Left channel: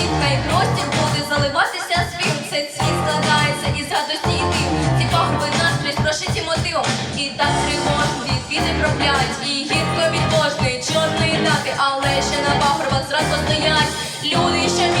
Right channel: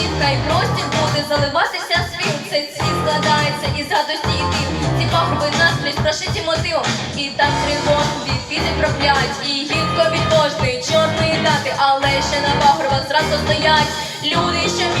платів, хай простір буде заливатися світ. Цей світ складається із радості і див. Ці пагорби настрій прошиті мотивом. І так тривожно від піди проклять. І гідко від кожної чорної дати, але ще на пагорбах зразу стоять. Люди, що.